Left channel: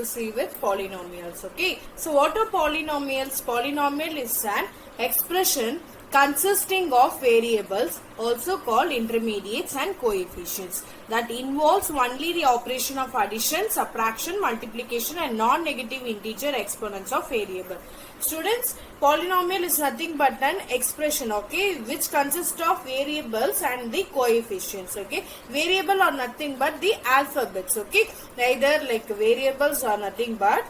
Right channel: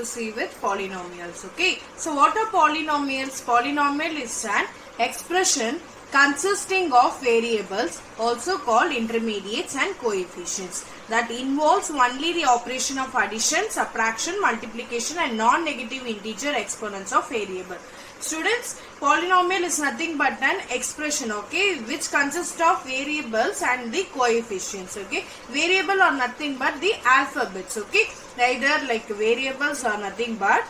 to see with polynomials. Okay. So what are polynomials? Polynomial is an expression consisting of variables, also called intermediates and coefficients, that involves only the operation of addition, subtraction, multiplication and non-negative integer exponents of variable. Students, polynomial is nothing but an expression, okay, which consists of variables and the coefficients, okay. Variable are nothing but the alphabets, okay. Either like variables are nothing but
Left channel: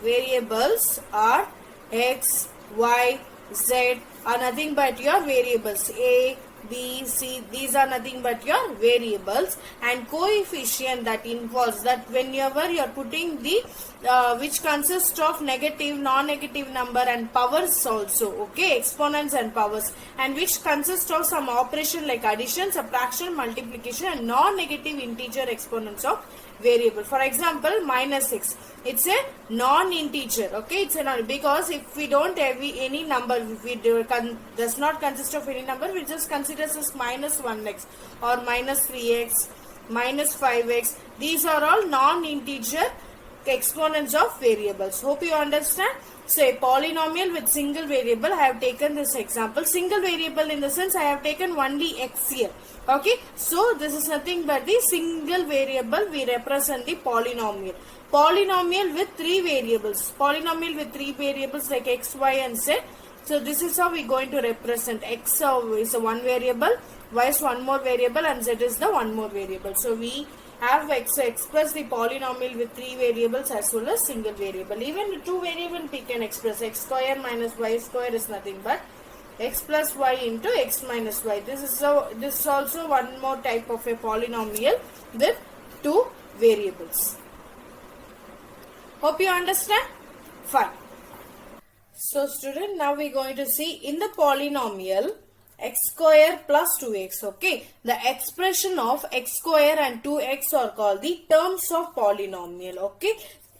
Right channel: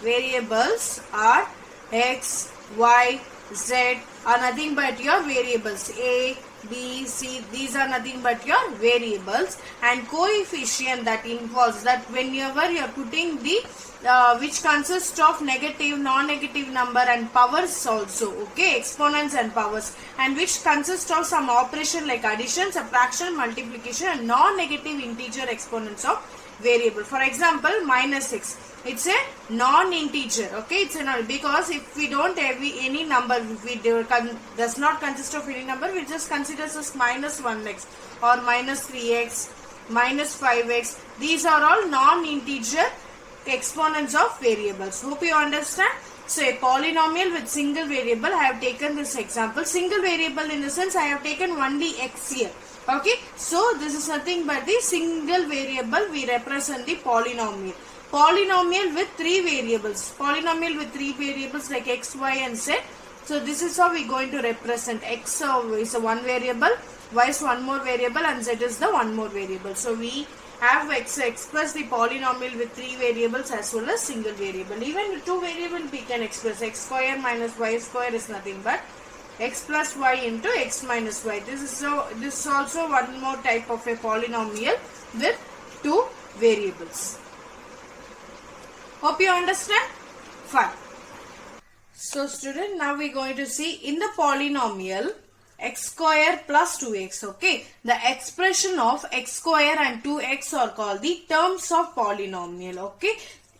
variables are x, y, z are nothing but your variables. A, B, C, these are nothing but your variables, and coefficient that involves that whenever you are putting the which consists of negative, non-negative number and powers also, okay, exponents and powers, and which consists of some operation like addition, subtraction, multiplication and non-negative integer exponents of variable. For example, minus x, it's a non-integer, okay, it's a because if we don't have any number, if we does not consist of any number, we just consider as minus 1x or minus 3x, minus 5x. These are all non-integer exponents of variables. Hope you understand. So a polynomial with single variable, I have taken this example. Single variable in the sense I have taken only x here. Okay, so this is nothing but the single variable. We represent the polynomial. Polynomial with three variables. Polynomial with three variables like x, y and z. So this is how we are going to represent. X is a one variable, y is one more variable and z is the one more variable. So we have express the polynomial with three variables as well as single variable. Even with two variable we can express. X square minus y square is nothing but x plus y into x minus y. This is also one more type of a polynomial with two variables. Hope you understand? Fine. So student, now we are going to see in the polynomial x square plus 2x, okay. The expression of x square and 2x are called the terms of polynomial, okay.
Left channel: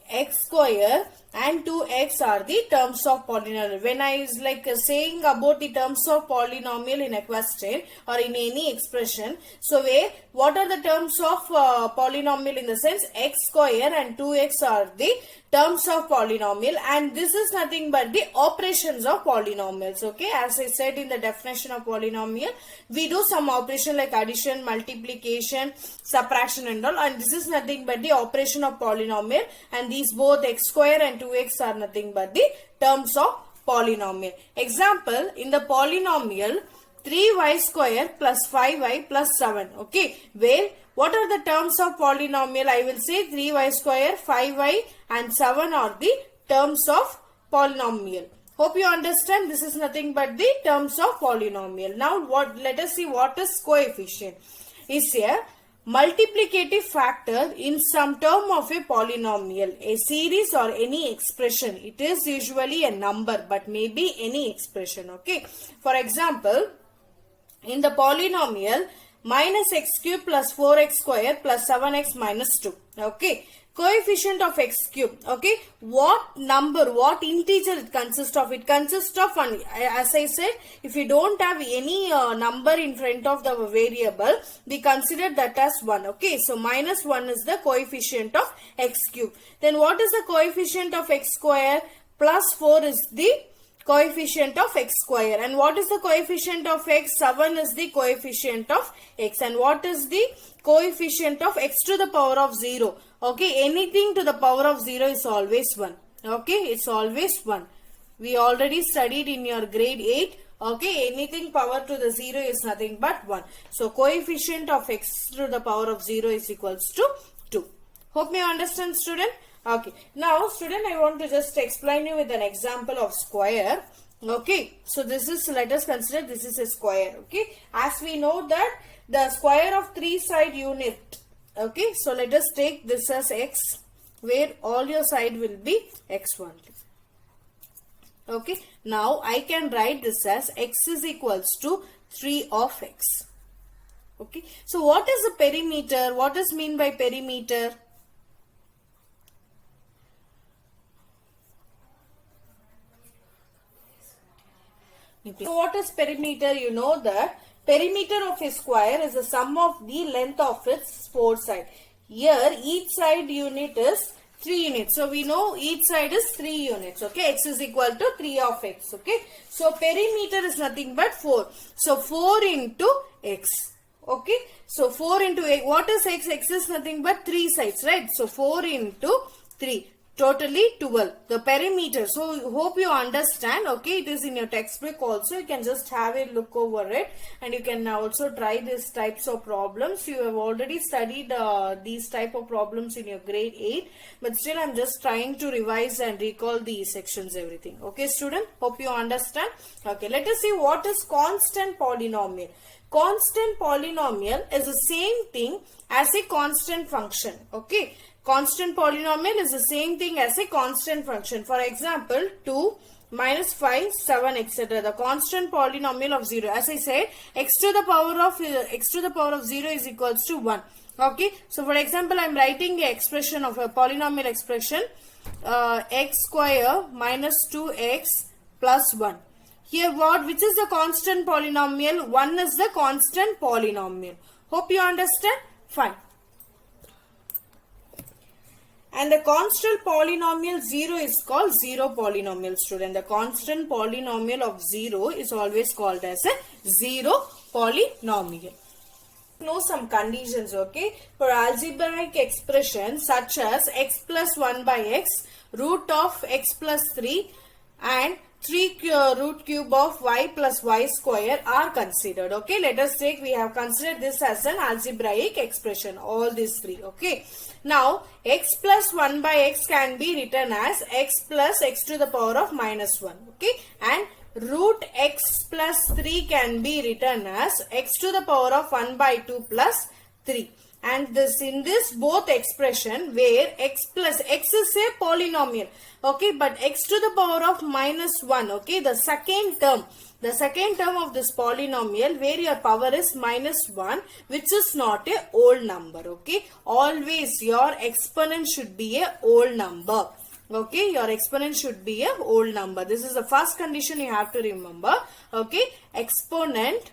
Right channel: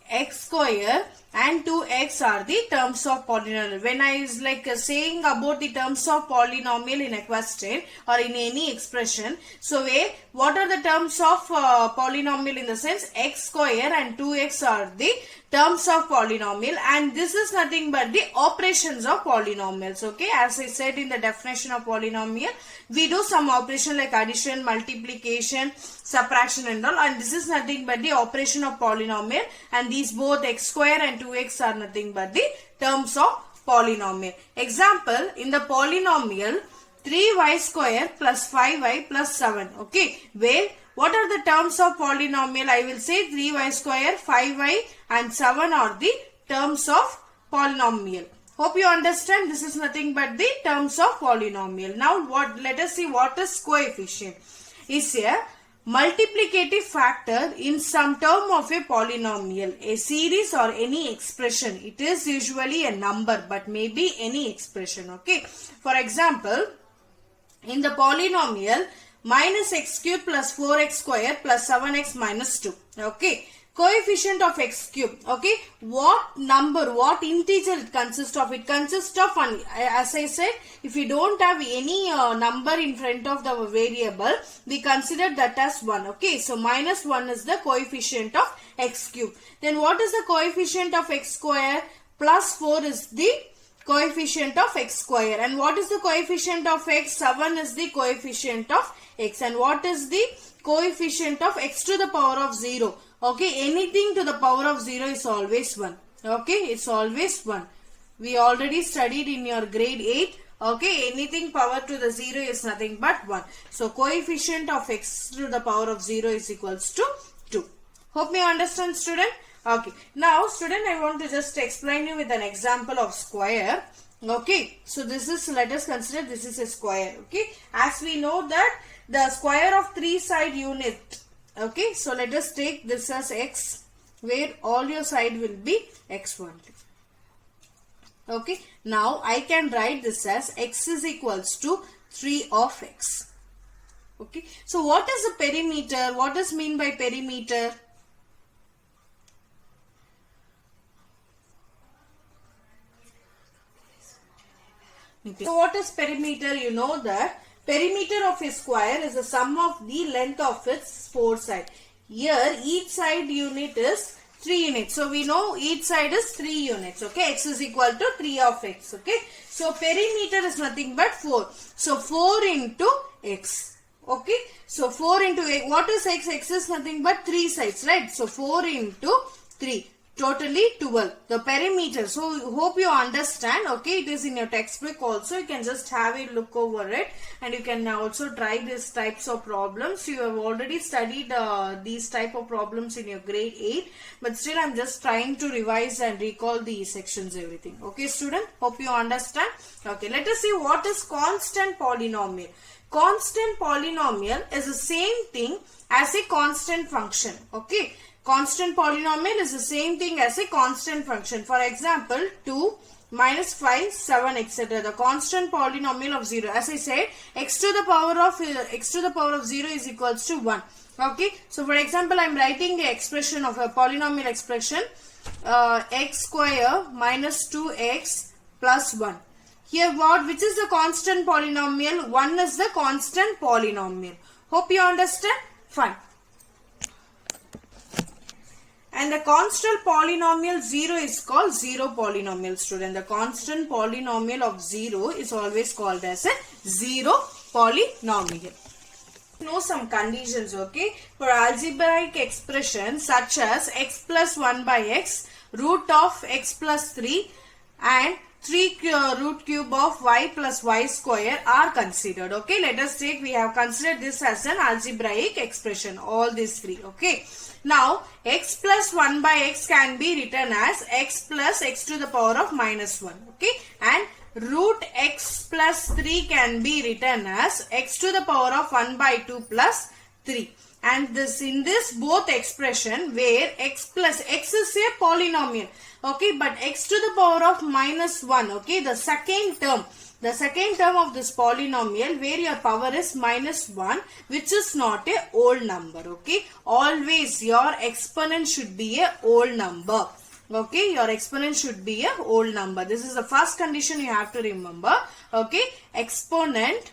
X square and 2x are the terms of polynomial. When I is like saying about the terms of polynomial in a question or in any expression, so what are the terms of polynomial in the sense x square and 2x are the terms of polynomial, and this is nothing but the operations of polynomials, okay. As I said in the definition of polynomial, we do some operation like addition, multiplication, subtraction and all, and this is nothing but the operation of polynomial, and these both x square and 2x are nothing but the terms of polynomial. Example, in the polynomial 3y square plus 5y plus 7, okay, where what are the terms of polynomial? I will say 3y square, 5y and 7 are the terms of polynomial. Hope you understand. This is nothing but the terms of polynomial. Now let us see what is coefficient. Is a multiplicative factor in some term of a polynomial, a series or any expression. It is usually a number but may be any expression, okay. For example, in the polynomial minus x cube plus 4x square plus 7x minus 2, okay. Coefficient of x cube, okay. What number, what integer it consists of? It consists of one. As I said, if you don't have any number in front of the variable, we consider that as 1, okay. So minus 1 is the coefficient of x cube. Then what is the coefficient of x square? Plus 4 is the coefficient of x square. And what is the coefficient of x? 7 is the coefficient of x. And what is the coefficient of x to the power of 0? Okay, anything to the power of 0 is always 1. Okay, it's always 1. We already studied in your grade 8. Okay, anything power to the 0 is nothing but 1. So, coefficient of x to the power of 0 is equals to 2. Hope you understand, student. Okay, now student, I want to just explain you with an example of square. Okay, so this is, let us consider this is a square. Okay, as we know that the square of 3-side unit. Okay, so let us take this as x, where all your side will be x only. Okay, now I can write this as x is equals to 3 of x. Okay, so what is the perimeter? What does mean by perimeter? So what is perimeter? You know that perimeter of a square is the sum of the length of its four sides. Here each side unit is 3 units. So we know each side is 3 units. Okay, x is equal to 3 of x. Okay, so perimeter is nothing but 4. So 4 into x. Okay, so 4 into x. What is x? X is nothing but 3 sides, right? So 4 into 3. Totally 12. The perimeter. So hope you understand. Okay, it is in your textbook also. You can just have a look over it, and you can also try these types of problems. You have already studied these type of problems in your grade 8, but still I'm just trying to revise and recall these sections, everything. Okay, student, hope you understand. Okay, let us see what is constant polynomial. Constant polynomial is the same thing as a constant function. Okay, constant polynomial is the same thing as a constant function. For example, 2, minus 5, 7, etc. The constant polynomial of 0. As I said, x to the power of 0 is equals to 1. Okay. So, for example, I am writing the expression of a polynomial expression x square minus 2x plus 1. Here which is the constant polynomial? 1 is the constant polynomial. Hope you understand. Fine. And the constant polynomial 0 is called 0 polynomial, student. The constant polynomial of 0 is always called as a 0 polynomial. Know some conditions, okay? For algebraic expressions such as x plus 1 by x, root of x plus 3 and 3 root cube of y plus y square are considered. Okay, let us take, we have considered this as an algebraic expression, all these three. Okay, now x plus 1 by x can be written as x plus x to the power of minus 1. Okay, and root x plus 3 can be written as x to the power of 1 by 2 plus 3. And this in this both expression where x plus x is a polynomial, okay, but x to the power of minus 1, okay, the second term of this polynomial where your power is minus 1, which is not a whole number. Okay, always your exponent should be a whole number. Okay, your exponent should be a whole number. This is the first condition you have to remember. Okay, exponent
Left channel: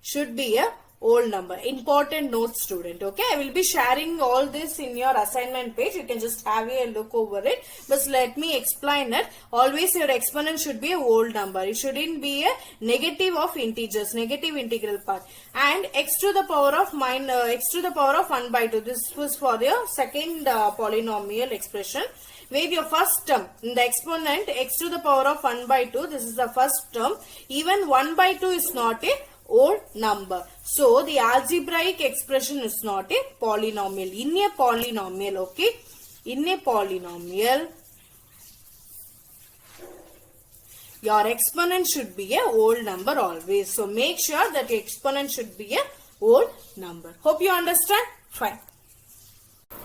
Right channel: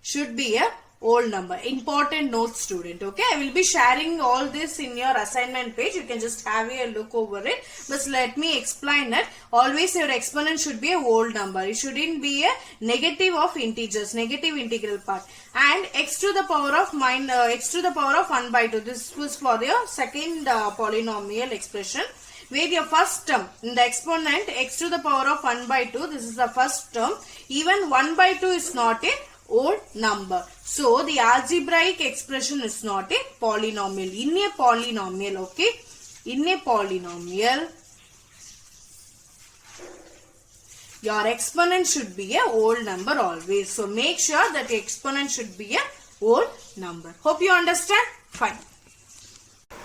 should be a whole number. Important note, student. Okay, I will be sharing all this in your assignment page. You can just have a look over it. But let me explain it. Always your exponent should be a whole number. It shouldn't be a negative of integers, negative integral part. And x to the power of 1 by 2. This was for your second polynomial expression. Where your first term in the exponent x to the power of 1 by 2. This is the first term. Even 1 by 2 is not a whole number. So, the algebraic expression is not a polynomial. In a polynomial, okay, in a polynomial, your exponent should be a whole number always. So, make sure that the exponent should be a whole number. Hope you understand? Fine.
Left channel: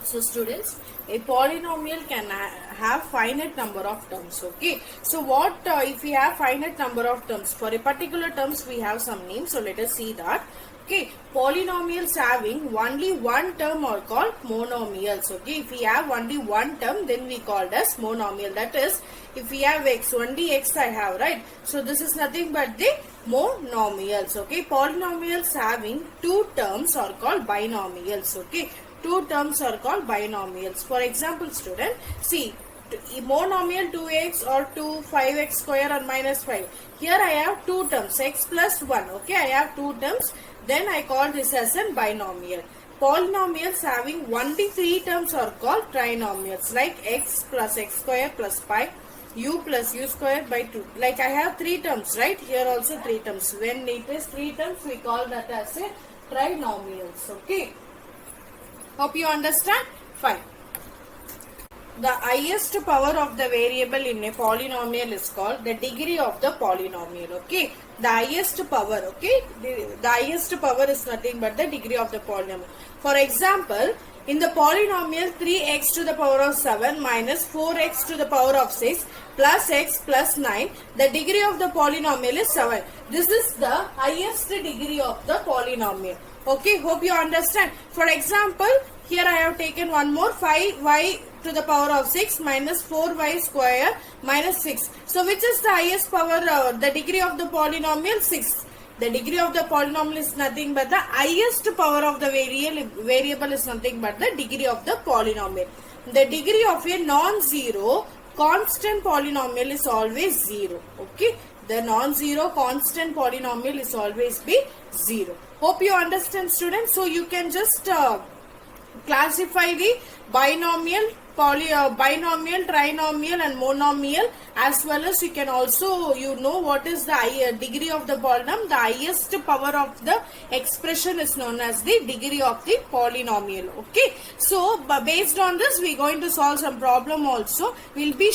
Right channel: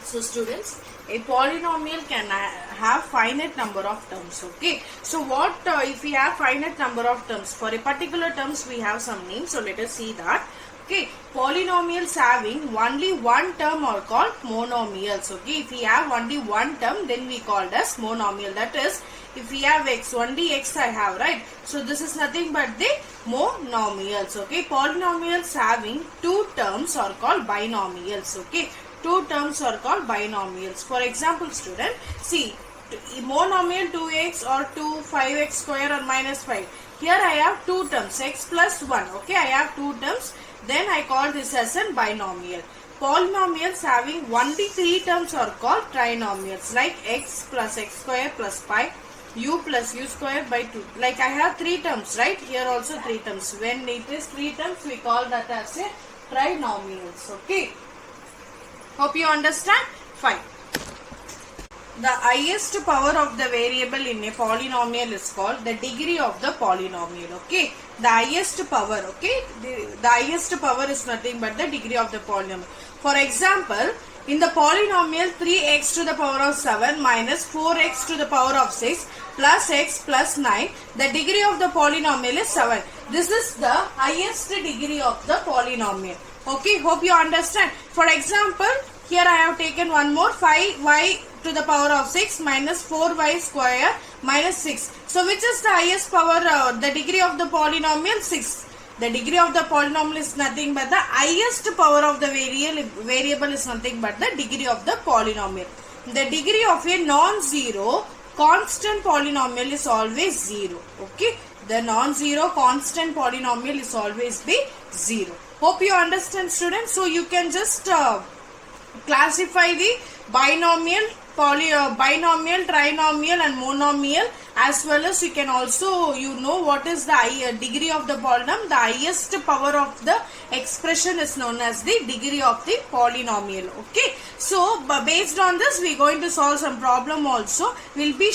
So, students, a polynomial can have finite number of terms. Okay, so what if we have finite number of terms? For a particular terms we have some names, so let us see that. Okay, polynomials having only one term are called monomials. Okay, if we have only one term, then we call it as monomial. That is, if we have x, only x I have, right? So this is nothing but the monomials. Okay, polynomials having two terms are called binomials. Okay, two terms are called binomials. For example, student, see, monomial 2x or 5x square or minus 5. Here I have two terms, x plus 1. Okay, I have two terms. Then I call this as a binomial. Polynomials having only three terms are called trinomials, like x plus x square plus 5, u plus u square by 2. Like I have three terms, right? Here also three terms. When it is three terms, we call that as a trinomials. Okay. Hope you understand? Fine. The highest power of the variable in a polynomial is called the degree of the polynomial. Okay, the highest power. Okay, the highest power is nothing but the degree of the polynomial. For example, in the polynomial 3x to the power of 7 minus 4x to the power of 6 plus x plus 9, the degree of the polynomial is 7. This is the highest degree of the polynomial. Okay, hope you understand. For example, here I have taken one more, 5y to the power of 6 minus 4y square minus 6. So, which is the highest power, the degree of the polynomial? 6. The degree of the polynomial is nothing but the highest power of the variable is nothing but the degree of the polynomial. The degree of a non-zero constant polynomial is always 0. Okay. The non-zero constant polynomial is always be 0. Hope you understand, students. So you can just classify the binomial, binomial, trinomial and monomial, as well as you can also what is the degree of the polynomial. The highest power of the expression is known as the degree of the polynomial. Okay. So based on this we are going to solve some problem also. We'll be